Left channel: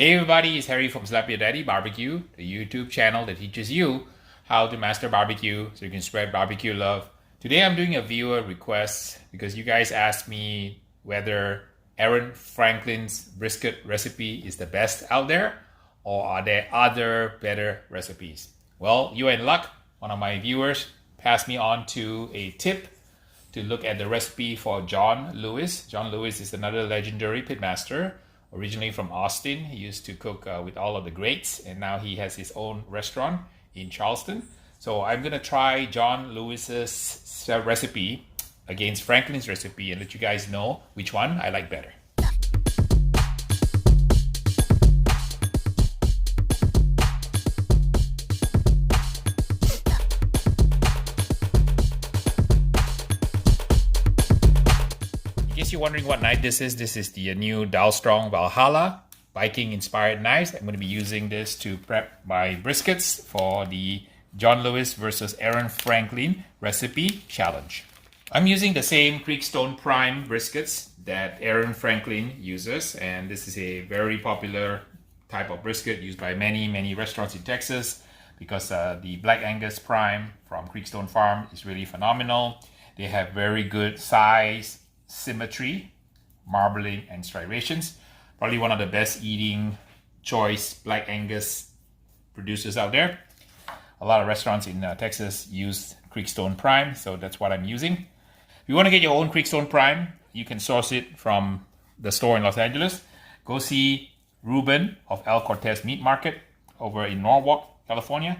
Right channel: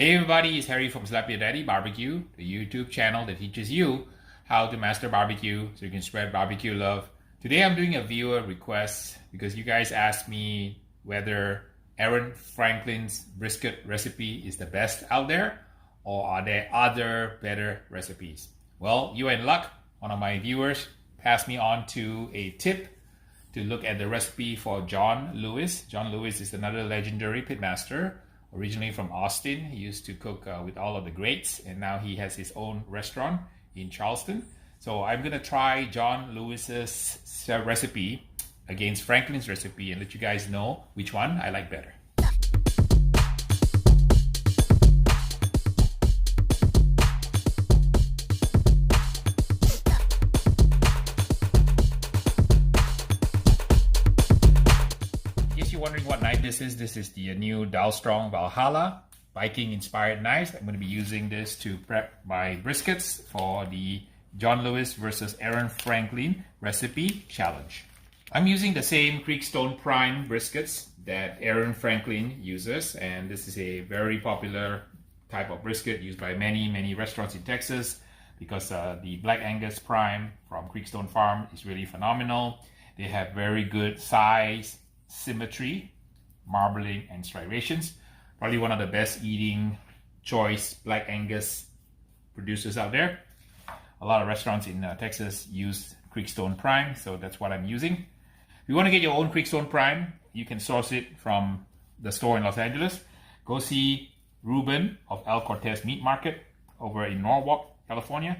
Hey everybody, it's Harry from Slap Your Daddy BBQ, the YouTube channel that teaches you how to master barbecue so you can spread barbecue love. Today I'm doing a viewer request because you guys asked me whether Aaron Franklin's brisket recipe is the best out there or are there other better recipes. Well, you're in luck. One of my viewers passed me on to a tip to look at the recipe for John Lewis. John Lewis is another legendary pitmaster, originally from Austin. He used to cook with all of the greats, and now he has his own restaurant in Charleston. So I'm gonna try John Lewis's recipe against Franklin's recipe and let you guys know which one I like better. You're wondering what knife this is. This is the new Dalstrong Valhalla Viking inspired knives. I'm going to be using this to prep my briskets for the John Lewis versus Aaron Franklin recipe challenge. I'm using the same Creekstone Prime briskets that Aaron Franklin uses, and this is a very popular type of brisket used by many restaurants in Texas because the Black Angus Prime from Creekstone Farm is really phenomenal. They have very good size, symmetry, marbling, and striations. Probably one of the best eating choice Black Angus producers out there. A lot of restaurants in Texas use Creekstone Prime, so that's what I'm using. If you want to get your own Creekstone Prime, you can source it from the store in Los Angeles. Go see Ruben of El Cortez Meat Market over in Norwalk, California.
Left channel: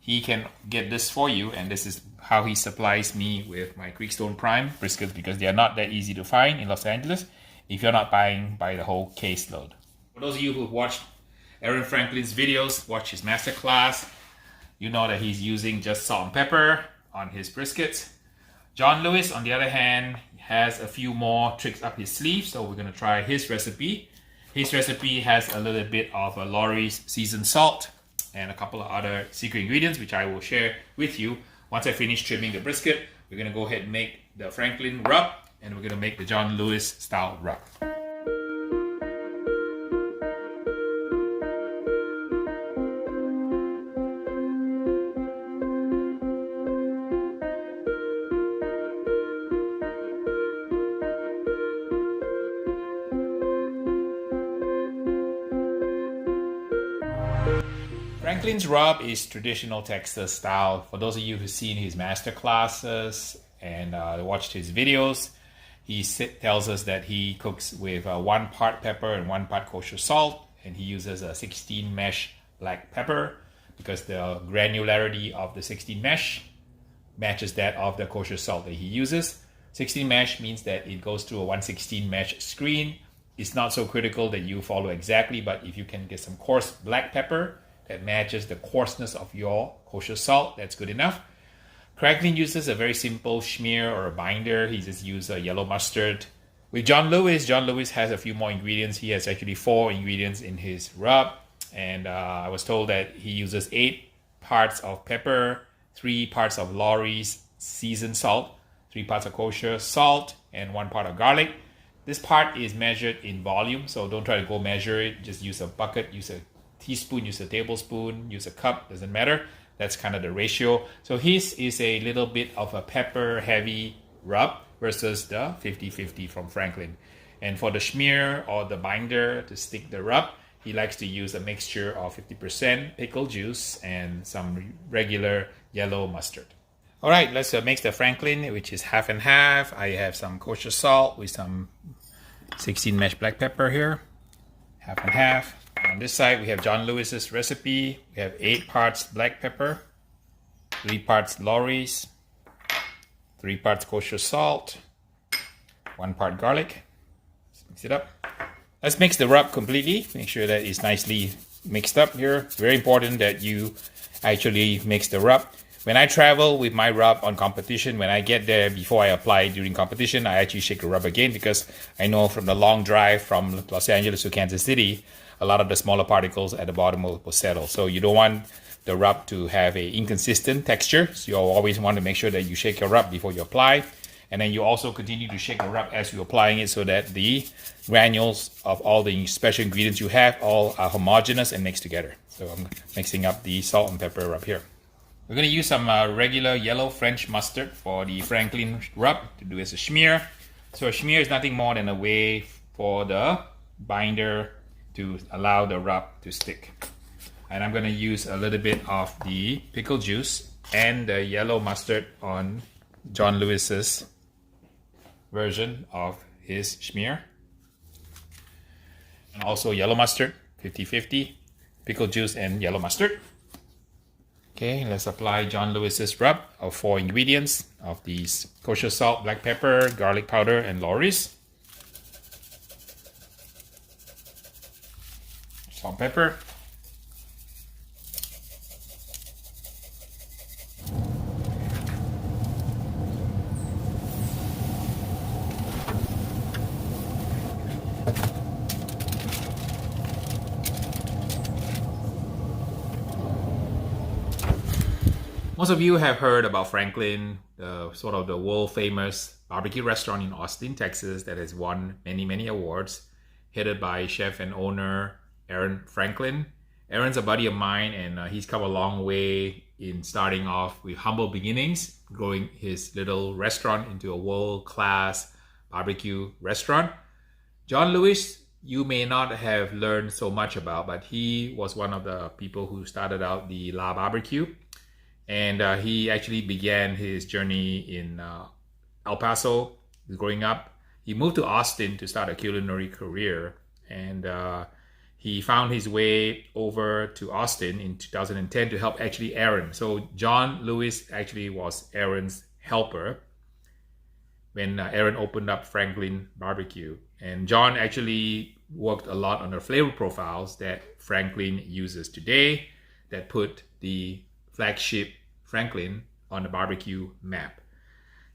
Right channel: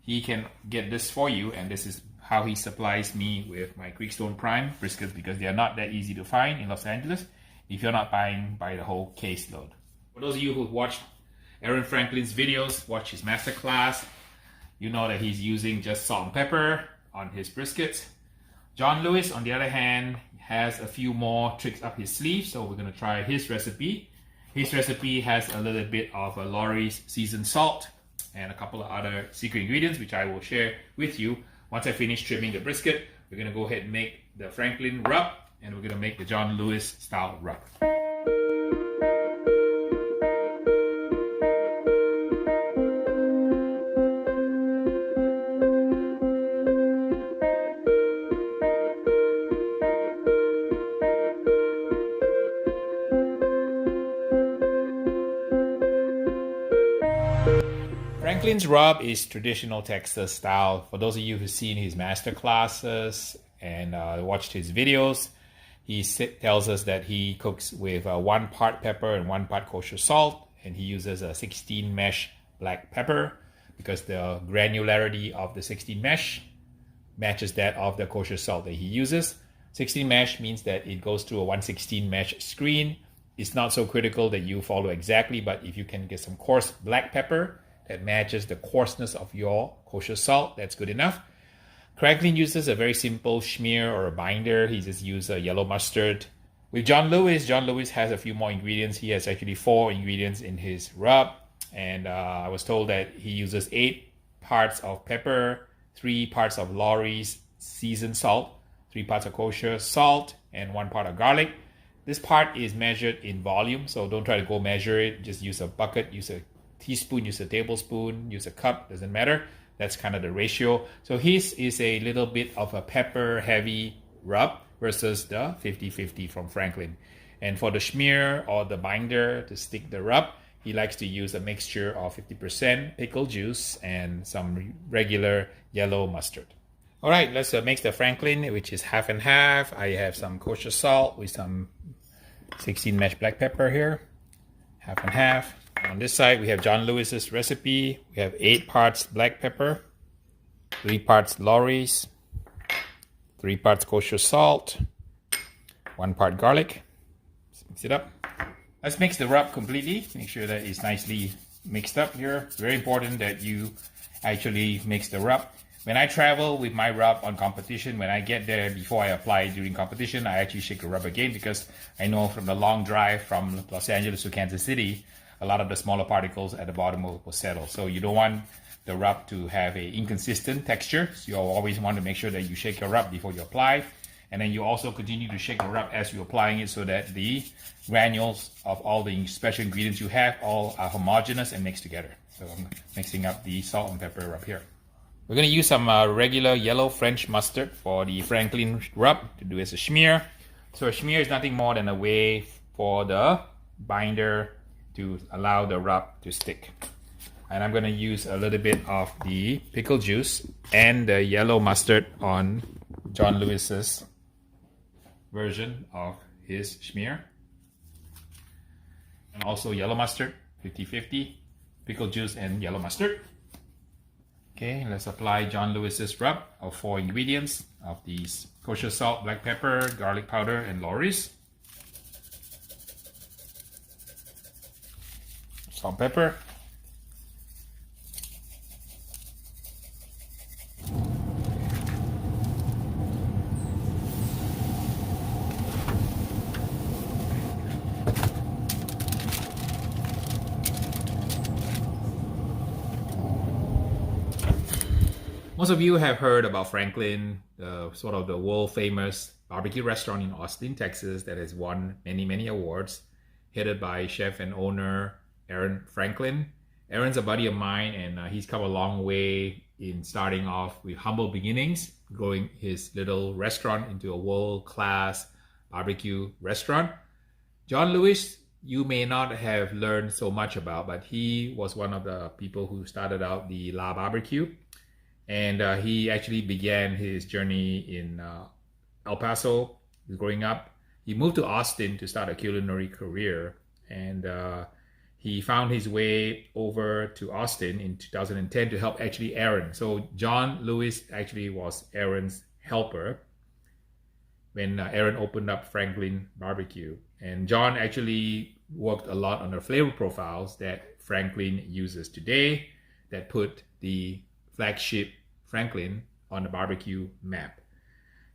He can get this for you, and this is how he supplies me with my Creekstone Prime briskets because they are not that easy to find in Los Angeles if you're not buying by the whole caseload. For those of you who've watched Aaron Franklin's videos, watched his masterclass, you know that he's using just salt and pepper on his briskets. John Lewis, on the other hand, has a few more tricks up his sleeve, so we're going to try his recipe. His recipe has a little bit of a Lawry's seasoned salt and a couple of other secret ingredients, which I will share with you. Once I finish trimming the brisket, we're going to go ahead and make the Franklin rub, and we're going to make the John Lewis style rub. Franklin's rub is traditional Texas style. For those of you who've seen his master classes and watched his videos, he tells us that he cooks with 1 part pepper and 1 part kosher salt, and he uses a 16 mesh black pepper because the granularity of the 16 mesh matches that of the kosher salt that he uses. 16 mesh means that it goes through a 116 mesh screen. It's not so critical that you follow exactly, but if you can get some coarse black pepper that matches the coarseness of your kosher salt, that's good enough. Franklin uses a very simple schmear or a binder. He just uses a yellow mustard. With John Lewis has a few more ingredients. He has actually 4 ingredients in his rub, and I was told that he uses 8 parts of pepper, 3 parts of Lawry's seasoned salt, 3 parts of kosher salt, and 1 part of garlic. This part is measured in volume, so don't try to go measure it. Just use a bucket, use a teaspoon, use a tablespoon, use a cup, doesn't matter. That's kind of the ratio. So his is a little bit of a pepper heavy rub versus the 50-50 from Franklin. And for the schmear or the binder to stick the rub, he likes to use a mixture of 50% pickle juice and some regular yellow mustard. All right, let's mix the Franklin, which is half and half. I have some kosher salt with some 16 mesh black pepper here, half and half. On this side, we have John Lewis's recipe. We have 8 parts black pepper, 3 parts Lawry's, 3 parts kosher salt, 1 part garlic. Let's mix it up. Let's mix the rub completely. Make sure that it's nicely mixed up here. It's very important that you actually mix the rub. When I travel with my rub on competition, when I get there before I apply during competition, I actually shake the rub again because I know from the long drive from Los Angeles to Kansas City, a lot of the smaller particles at the bottom will settle. So you don't want the rub to have a inconsistent texture. So you always want to make sure that you shake your rub before you apply. And then you also continue to shake the rub as you're applying it so that the granules of all the special ingredients you have all are homogeneous and mixed together. So I'm mixing up the salt and pepper rub here. We're going to use some regular yellow French mustard for the Franklin rub to do as a smear. So a smear is nothing more than a way for the binder to allow the rub to stick. And I'm going to use a little bit of the pickle juice and the yellow mustard on John Lewis's version of his smear. And also yellow mustard, 50-50, pickle juice and yellow mustard. Okay, let's apply John Lewis's rub of 4 ingredients of these: kosher salt, black pepper, garlic powder, and Lawry's. Salt, pepper. Most of you have heard about Franklin, sort of the world famous barbecue restaurant in Austin, Texas that has won many awards, headed by chef and owner Aaron Franklin. Aaron's a buddy of mine, and he's come a long way in starting off with humble beginnings, growing his little restaurant into a world-class barbecue restaurant. John Lewis, you may not have learned so much about, but he was one of the people who started out the La Barbecue. And he actually began his journey in El Paso growing up. He moved to Austin to start a culinary career, and he found his way over to Austin in 2010 to help actually Aaron. So John Lewis actually was Aaron's helper when Aaron opened up Franklin Barbecue. And John actually worked a lot on the flavor profiles that Franklin uses today that put the flagship Franklin on the barbecue map.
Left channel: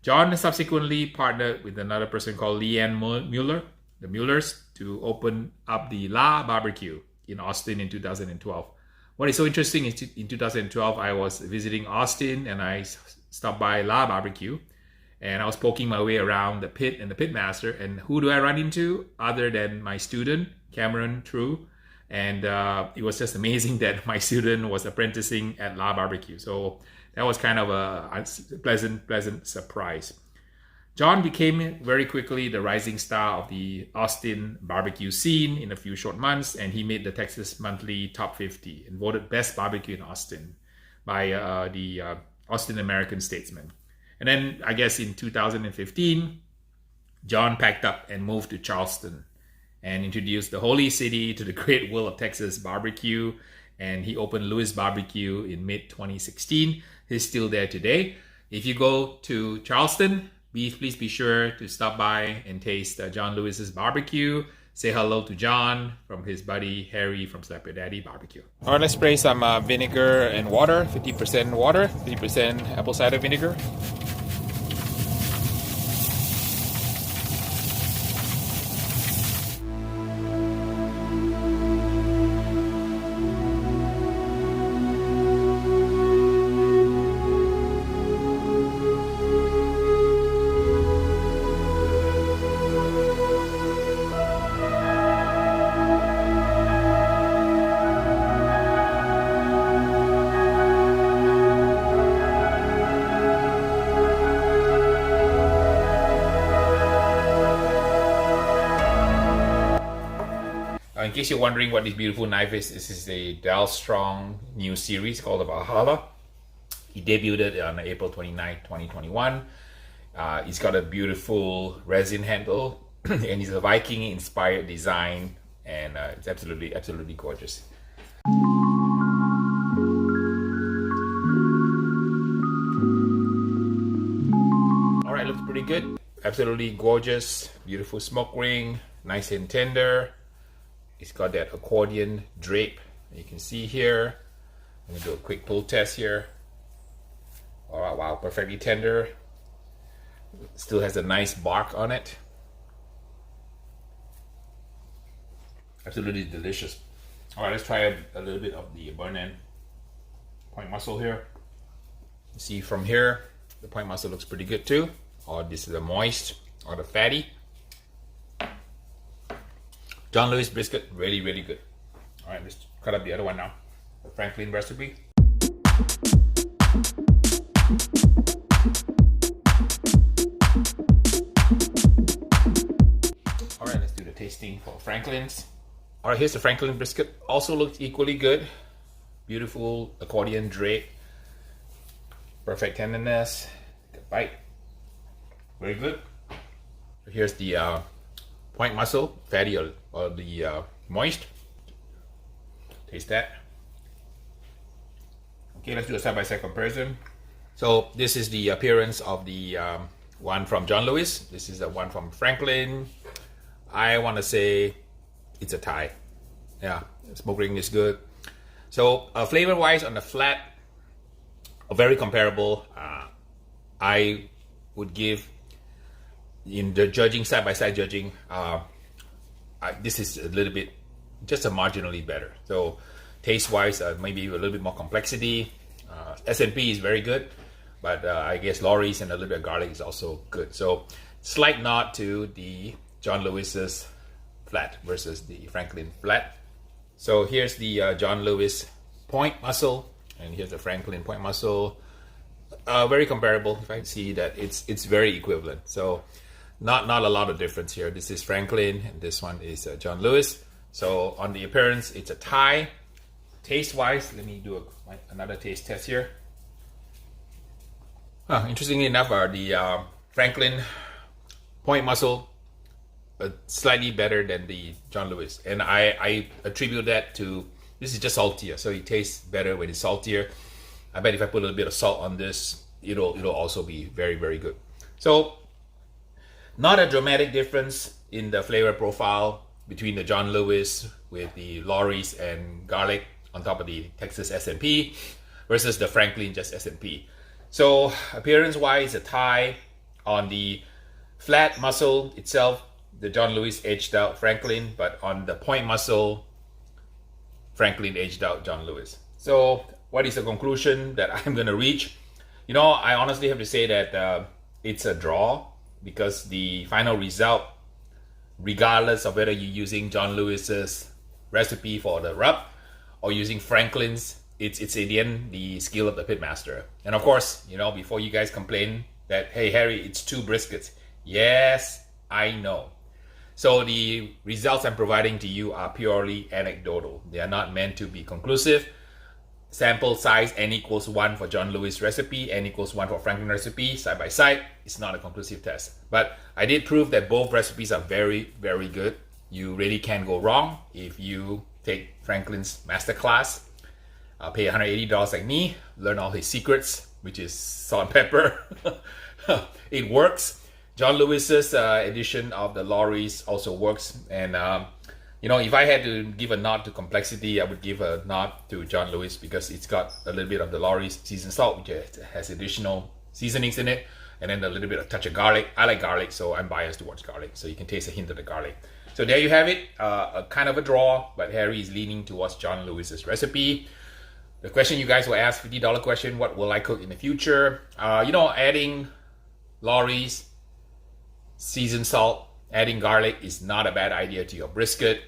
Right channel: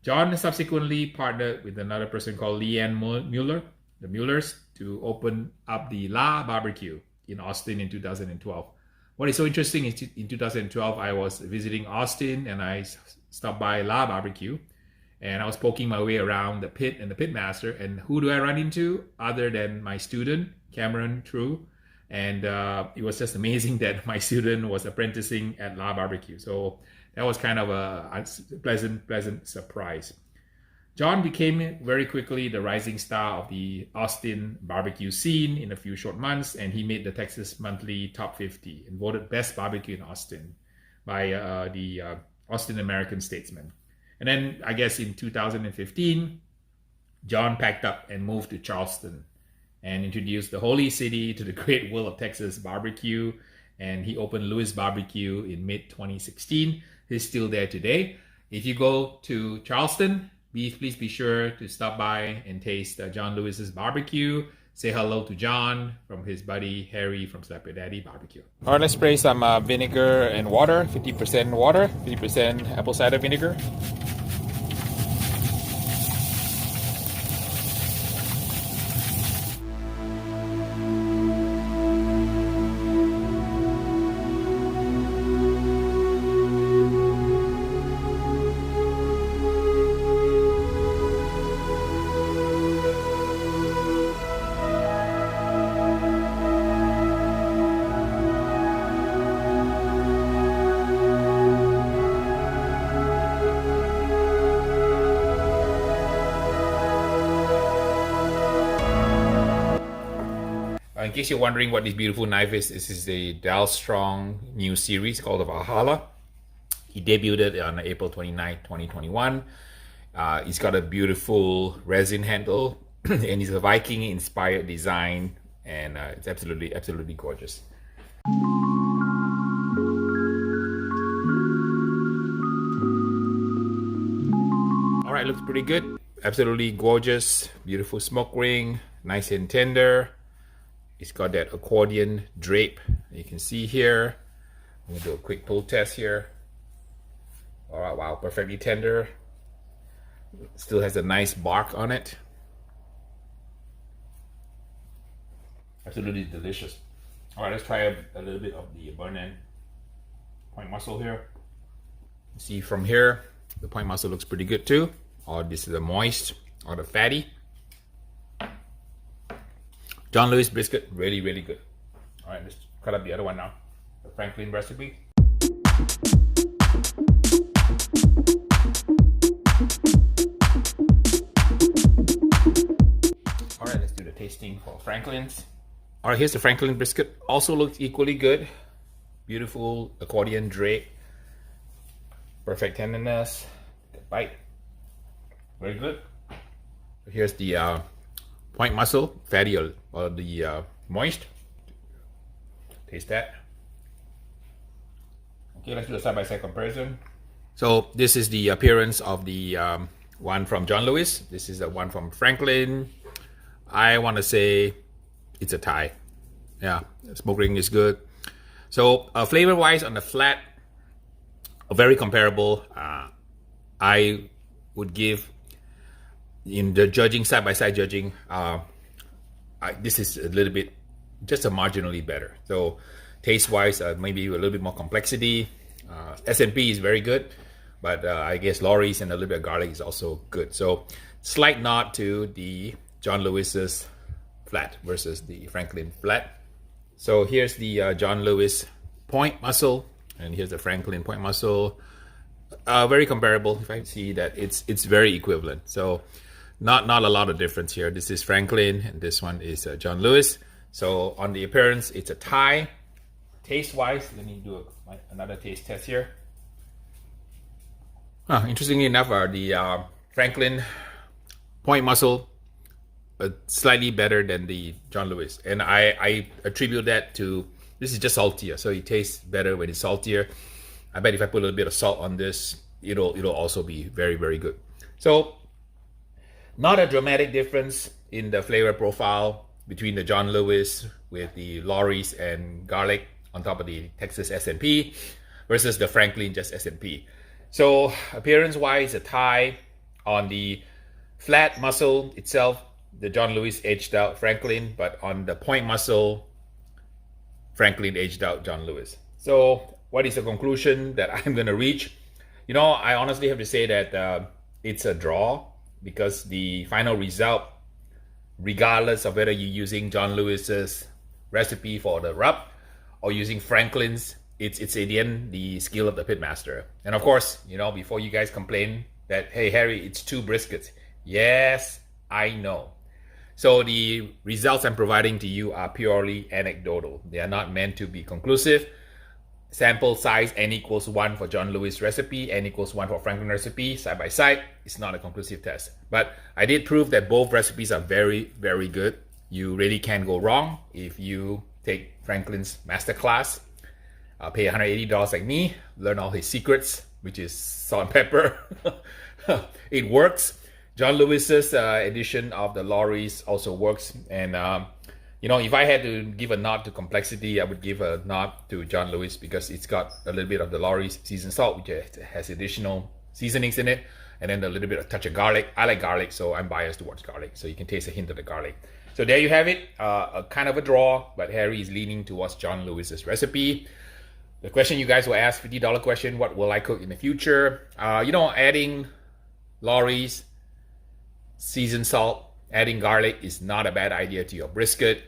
John subsequently partnered with another person called Leanne Mueller, the Muellers, to open up the La Barbecue in Austin in 2012. What is so interesting is in 2012, I was visiting Austin and I stopped by La Barbecue and I was poking my way around the pit and the Pitmaster, and who do I run into other than my student, Cameron True. And it was just amazing that my student was apprenticing at La Barbecue. So that was kind of a pleasant surprise. John became very quickly the rising star of the Austin barbecue scene in a few short months, and he made the Texas Monthly Top 50 and voted Best Barbecue in Austin by the Austin American Statesman. And then I guess in 2015, John packed up and moved to Charleston and introduced the holy city to the great world of Texas barbecue. And he opened Lewis Barbecue in mid-2016. He's still there today. If you go to Charleston, please be sure to stop by and taste John Lewis's barbecue. Say hello to John from his buddy Harry from Slap Your Daddy Barbecue. All right, let's spray some vinegar and water, 50% water, 50% apple cider vinegar. In case you're wondering what this beautiful knife is, this is a Dal Strong new series called the Valhalla. He debuted it on April 29, 2021. It's got a beautiful resin handle and it's a Viking-inspired design, and it's absolutely gorgeous. All right, looks pretty good. Absolutely gorgeous, beautiful smoke ring, nice and tender. It's got that accordion drape you can see here. I'm gonna do a quick pull test here. All right, wow, perfectly tender. Still has a nice bark on it. Absolutely delicious. All right, let's try a little bit of the burn end point muscle here. See from here, the point muscle looks pretty good too. or this is the moist or the fatty. John Lewis brisket, really, really good. All right, let's cut up the other one now. The Franklin recipe. All right, let's do the tasting for Franklin's. All right, here's the Franklin brisket. Also looks equally good. Beautiful accordion drape. Perfect tenderness. Good bite. Very good. Here's the point muscle, fatty or the moist. Taste that. Okay, let's do a side-by-side comparison. So this is the appearance of the one from John Lewis. This is the one from Franklin. I want to say it's a tie. Yeah, smoke ring is good. So flavor-wise on the flat, very comparable. I would give, in the judging, side-by-side judging, this is a little bit, just a marginally better. So taste-wise, maybe a little bit more complexity. S&P is very good, but I guess Laurie's and a little bit of garlic is also good. So slight nod to the John Lewis's flat versus the Franklin flat. So here's the John Lewis point muscle, and here's the Franklin point muscle. Very comparable. You can see that it's very equivalent. So not a lot of difference here. This is Franklin, and this one is John Lewis. So on the appearance, it's a tie. Taste-wise, let me do another taste test here. Interestingly enough, the Franklin point muscle slightly better than the John Lewis, and I attribute that to this is just saltier, so it tastes better when it's saltier. I bet if I put a little bit of salt on this, it'll also be very, very good. So not a dramatic difference in the flavor profile between the John Lewis with the Laurie's and garlic on top of the Texas S&P versus the Franklin just S&P. So appearance-wise, a tie. On the flat muscle itself, the John Lewis edged out Franklin, but on the point muscle, Franklin edged out John Lewis. So what is the conclusion that I'm going to reach? You know, I honestly have to say that it's a draw, because the final result, regardless of whether you're using John Lewis's recipe for the rub or using Franklin's, it's in the end the skill of the pitmaster. And of course, you know, before you guys complain that, hey Harry, it's 2 briskets. Yes, I know. So the results I'm providing to you are purely anecdotal. They are not meant to be conclusive. Sample size n equals 1 for John Lewis recipe, n equals 1 for Franklin recipe, side by side. It's not a conclusive test. But I did prove that both recipes are very, very good. You really can't go wrong if you take Franklin's masterclass. Pay $180 like me, learn all his secrets, which is salt and pepper. It works. John Lewis's edition of the Laurie's also works. And you know, if I had to give a nod to complexity, I would give a nod to John Lewis, because it's got a little bit of the Laurie's seasoned salt, which has additional seasonings in it, and then a little bit of touch of garlic. I like garlic, so I'm biased towards garlic, so you can taste a hint of the garlic. So there you have it, a kind of a draw, but Harry is leaning towards John Lewis's recipe. The question you guys will ask, $50 question, what will I cook in the future? You know, adding Laurie's seasoned salt, adding garlic is not a bad idea to your brisket.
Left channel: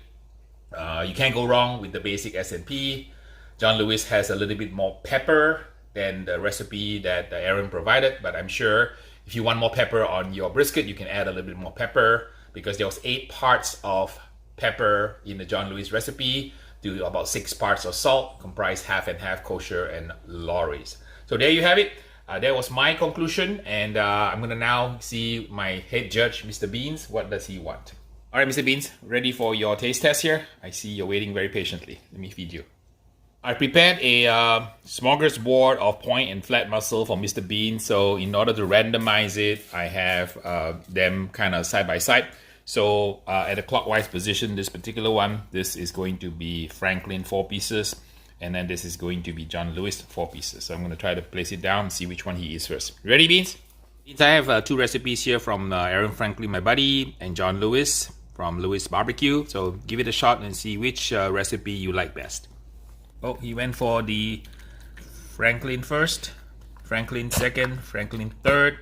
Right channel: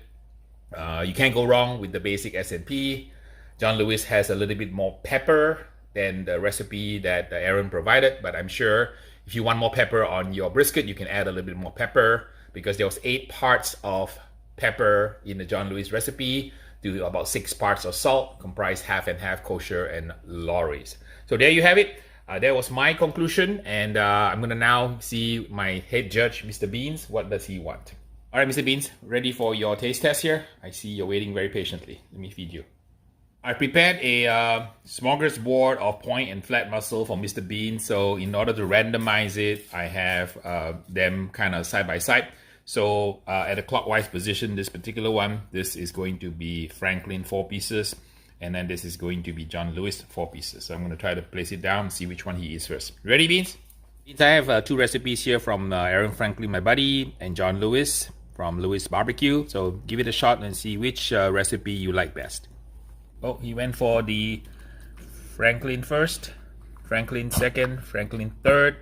You can't go wrong with the basic S&P. John Lewis has a little bit more pepper than the recipe that Aaron provided, but I'm sure if you want more pepper on your brisket, you can add a little bit more pepper, because there was 8 parts of pepper in the John Lewis recipe to about 6 parts of salt, comprised half and half kosher and Laurie's. So there you have it. That was my conclusion, and I'm gonna now see my head judge, Mr. Beans. What does he want? All right, Mr. Beans, ready for your taste test here? I see you're waiting very patiently. Let me feed you. I prepared a smorgasbord of point and flat muscle for Mr. Bean. So in order to randomize it, I have them kind of side by side. So at a clockwise position, this particular one, this is going to be Franklin 4 pieces. And then this is going to be John Lewis 4 pieces. So I'm going to try to place it down and see which one he is first. Ready, Beans? Beans, I have 2 recipes here from Aaron Franklin, my buddy, and John Lewis from Lewis Barbecue. So give it a shot and see which recipe you like best. Oh, he went for the Franklin first, Franklin second, Franklin third.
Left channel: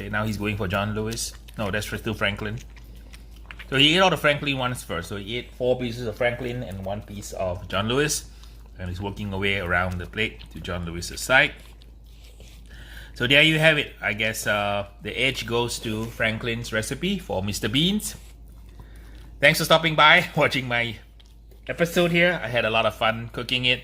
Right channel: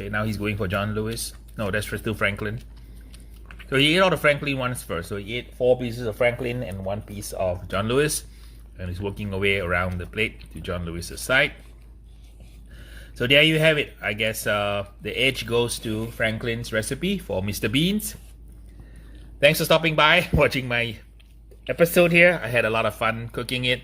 Okay, now he's going for John Lewis. No, that's still Franklin. So he ate all the Franklin ones first. So he ate 4 pieces of Franklin and 1 piece of John Lewis. And he's working away around the plate to John Lewis's side. So there you have it. I guess the edge goes to Franklin's recipe for Mr. Beans. Thanks for stopping by, watching my episode here. I had a lot of fun cooking it.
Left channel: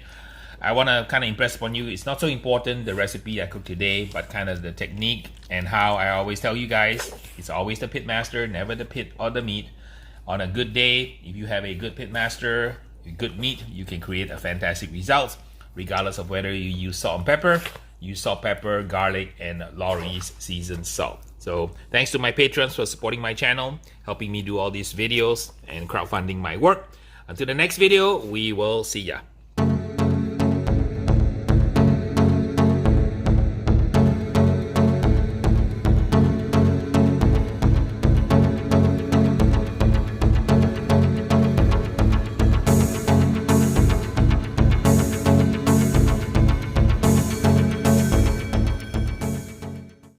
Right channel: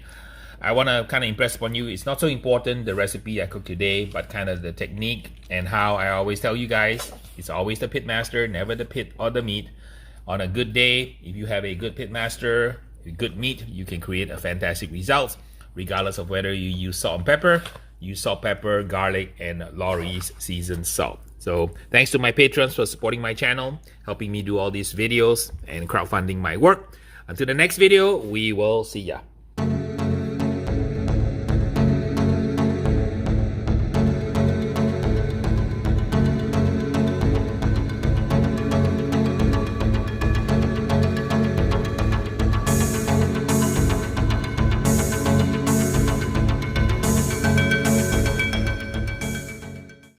I want to kind of impress upon you, it's not so important the recipe I cooked today, but kind of the technique and how I always tell you guys, it's always the pitmaster, never the pit or the meat. On a good day, if you have a good pitmaster, a good meat, you can create a fantastic result, regardless of whether you use salt and pepper, use salt, pepper, garlic, and Laurie's seasoned salt. So thanks to my patrons for supporting my channel, helping me do all these videos and crowdfunding my work. Until the next video, we will see ya.